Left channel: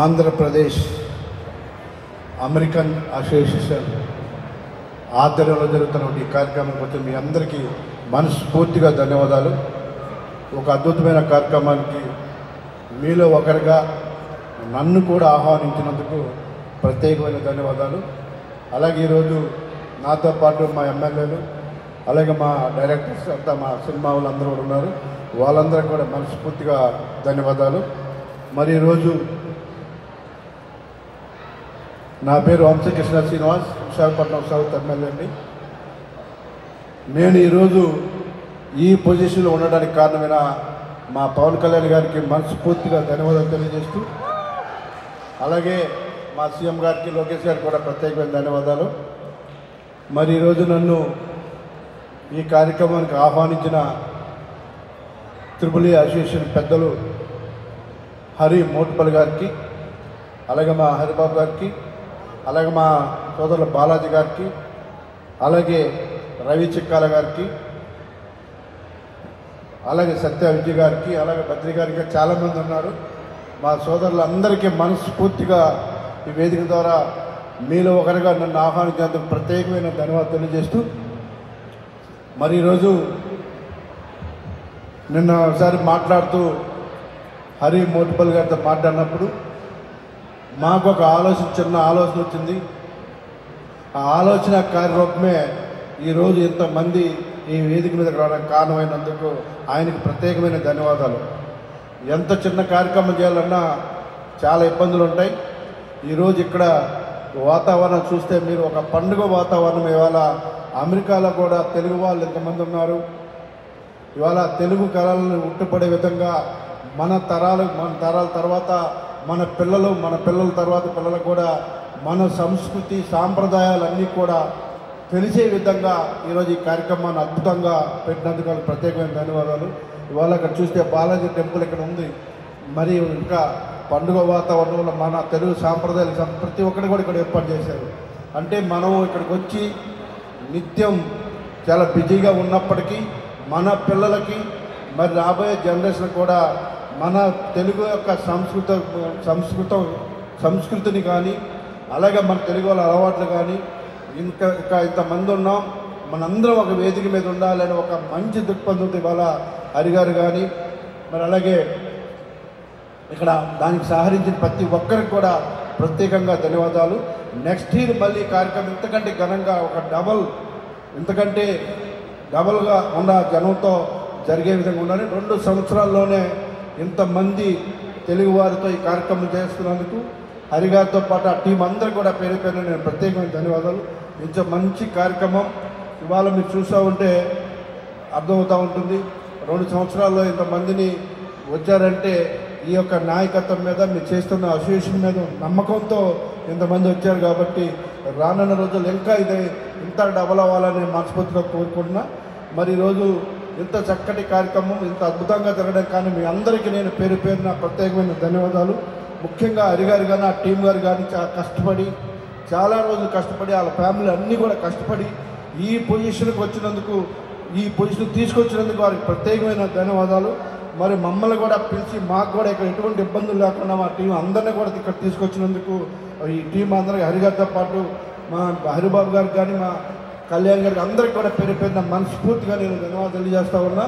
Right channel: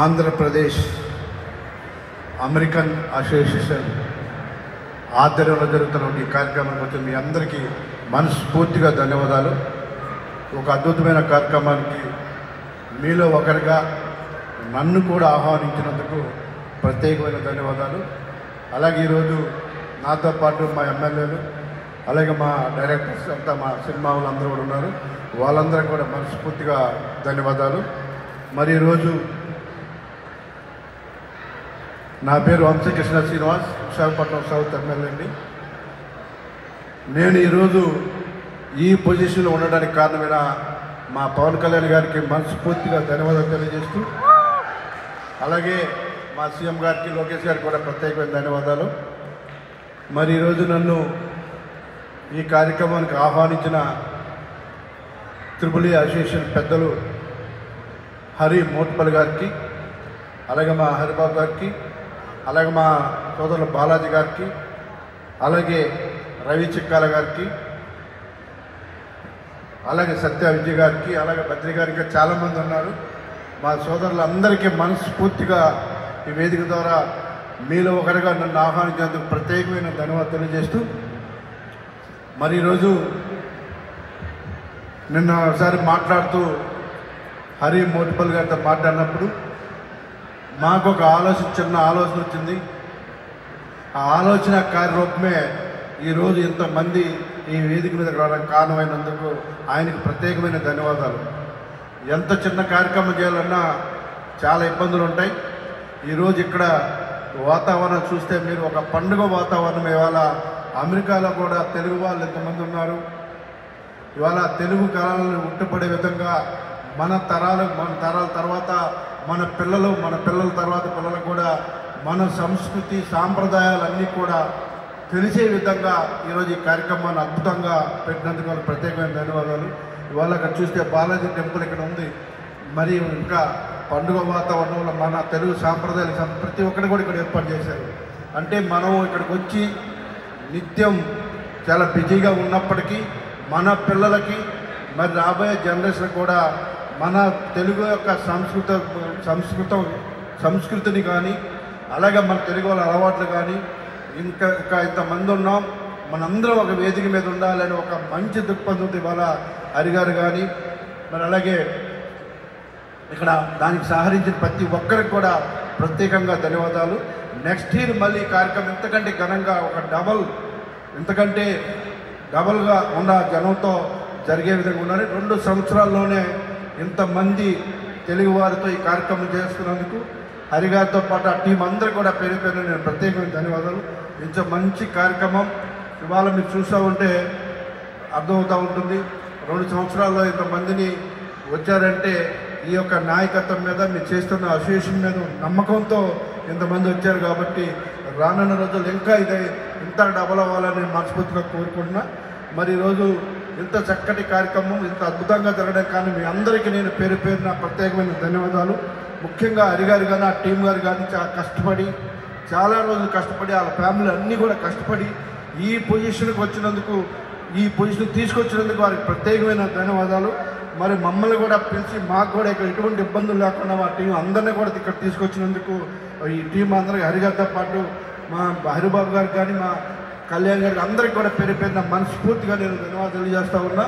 Andhra Pradesh American association ఆధ్వర్యంలో జరుగుతున్న ఈ కార్యక్రమం కోసం మీ అందరికీ మనస్ఫూర్తిగా ధన్యవాదాలు. ఒక అద్భుతమైన కార్యక్రమానికి మీలో ఒకరిగా నన్ను కూడా ఆహ్వానించినందుకు ప్రత్యేకమైన ధన్యవాదాలు. అలాగే ఈరోజు నాతో పాటు మా ఎమ్మెల్యేలు అలాగే మా డైరెక్టర్స్ అంతా మా సినిమా వాళ్ళందరూ కూడా ఉన్నారు. వాళ్ళందరూ కూడా మనస్ఫూర్తిగా ధన్యవాదాలు. మరి ఈరోజు నా పేరు వంశకృష్ణ శ్రీనివాస్, విశాఖపట్నం సౌత్ ఎమ్మెల్యే అండి. నేను ఈరోజు ఈ పొజిషన్లో ఉండడానికి కారణమైన మా పవన్ కళ్యాణ్ గారికి మనస్ఫూర్తిగా ధన్యవాదాలు తెలియజేస్తూ, అలాగే మా సీఎం గారికి లోకేష్ గారికి కూడా ప్రత్యేకమైన ధన్యవాదాలు. మరి ఈరోజు నన్ను ఈ కార్యక్రమానికి ఆహ్వానించిన త్రిపుల్ అసోసియేషన్ పెద్దలు హరి మోట్పల్లి గారికి, అలాగే మా హరిబాబు గారికి, అలాగే మా సోదరుల బాలాజీ గారికి, అలాగే రవి చిక్కాల గారికి, అలాగే సత్య విజయ్ గారికి, అలాగే బద్రి గారికి చాలామంది ఉన్నారు. మా సోదరులందరికీ మనస్ఫూర్తిగా ఈ వేదిక ద్వారా మీలో ఒకరిగా నన్ను ఆహ్వానించేందుకు ప్రత్యేకమైన ధన్యవాదాలు తెలియజేస్తూ, మరి ఈరోజు నిన్న ఒకసారి మాట్లాడుతూ హరి మోట్పల్లి గారితో మాట్లాడినప్పుడు మాకు ఒక చిన్న ఆలోచన వచ్చింది. ఆ ఆలోచన కార్యరూపమే ఈరోజు ఇంతమంది ఈ వేదిక మీద రావడానికి కారణమైనందుకు ఆయనకు ప్రత్యేకమైన ధన్యవాదాలు. ఎంత చిన్న కార్యక్రమం చేయాలన్నా చాలా ఇబ్బందులు ఉంటాయి. ఈరోజు ఇక్కడ వాతావరణం చూస్తే మీరు ఒక పండుగ వాతావరణం. ఇవాళ అమెరికాలో కూడా తెలుగు వాళ్ళు ఎంతమంది ఉన్నారు. ఇవాళ తెలుగు కళలను ఉట్టుపడే విధంగా మన తరాల తర్వాత మన పిల్లల తర్వాత పిల్లలకు కూడా మన సంస్కృతి సాంప్రదాయాలన్నీ కూడా తెలిసే విధంగా ఈరోజు ఈ కార్యక్రమాన్ని అద్భుతంగా పెట్టినందుకు వాళ్ళకి ప్రత్యేకమైన ధన్యవాదాలు. ఇవాళ అక్కడ చూస్తే బాలాజీ టెంపుల్ ఇక్కడ ఉంది. మరి ఇంకా పండుగ వాతావరణంలో మన తెలుగు సాంప్రదాయాలు ప్రతి ఒక్కరిని కూడా ఇక్కడ ఏర్పాటు చేశారు. అంటే మనం ఇక్కడికి వచ్చి నిత్యం చాలా బిజీగా ఉన్నప్పటికీ మన పిల్లలకి మరి రాబోయే జనరేషన్ కూడా మన తెలుగు యొక్క సంస్కృతిని కానీ అలాగే మన తెలుగు వాళ్ళ అలవాట్లు కానీ ఇంకా ఇంతమంది ఉన్నాం, మనందరం ఒక వేదిక మీద ఉండాలని ఒక మంచి దృక్పథంతో ఇవాళ హరిగారు కానీ మరి అలాగే ఇక్కడ దానికి సహకరించిన ప్రతి ఒక్కరికి కూడా ప్రత్యేకంగా ధన్యవాదాలు. నెక్స్ట్ ఇయర్ మళ్ళీ కార్యక్రమం ఇంతకంటే ఘనంగా ఒక ఇంతకంటే డబల్గా ఉన్న జనంతో జరిగే విధంగా ఉండాలి. 2 సంవత్సరాల్లోనే ఇంతమంది తెలుగు వారితో ఈ కార్యక్రమం చేస్తున్నందుకు హరిగారితో పాటు ఆ టీం అందరూ కూడా పేరు పేరున నేను ప్రత్యేకమైన ధన్యవాదాలు. ఇంత మంచి కార్యక్రమం ఇవాళ మీరు చూస్తూ ఉంటే అర్థమవుతూ ఉంటుంది. 2 సంవత్సరాల్లో ఇంతమందిని వచ్చారంటే ఈ యొక్క నాయకత్వం మీద మీరు చేస్తున్న అసోసియేషన్ మీద నమ్మకంతో ఇంతమంది వచ్చారు. కాబట్టి రానున్న రోజులు ఇంకా ఇంత డబల్ అవ్వాలని మనస్ఫూర్తిగా కోరుకుంటున్నా. మరి ఈరోజు ఇంత చక్కటి కార్యక్రమం ఇంత అద్భుతంగా జరగడం కానీ మీ అందరికీ నేను పేరు పేరున ప్రత్యేకమైన ధన్యవాదాలు. ముఖ్యంగా హరిగారు కానీ ఆ టీం గారు కానీ చాలా కష్టపడి చాలా రోజులు కష్టపడి వాళ్ళ ఫ్యామిలీ అన్నీ కూడా కష్టపడి ఈ పొజిషన్కి వచ్చినందుకు ఈ పొజిషన్ తీసుకొచ్చినందుకు వారికి ప్రత్యేకమైన ధన్యవాదాలు. మరి మమ్మల్ని కూడా పిలిచి మాకు కూడా ఇక్కడ ఎటువంటి ఇబ్బందులు లేకుండా మా టీం అందరినీ కూడా ఇక్కడ తీసుకొచ్చినందుకు ఈ టీం అందరికీ హరిగారితో పాటు మా హరిబాబు గారికి కానీ మా కళ్యాణ్ గారికి అందరికీ కూడా పేరు పేరున మనస్ఫూర్తిగా నేను ధన్యవాదాలు తెలియజేస్తా ఉన్నా.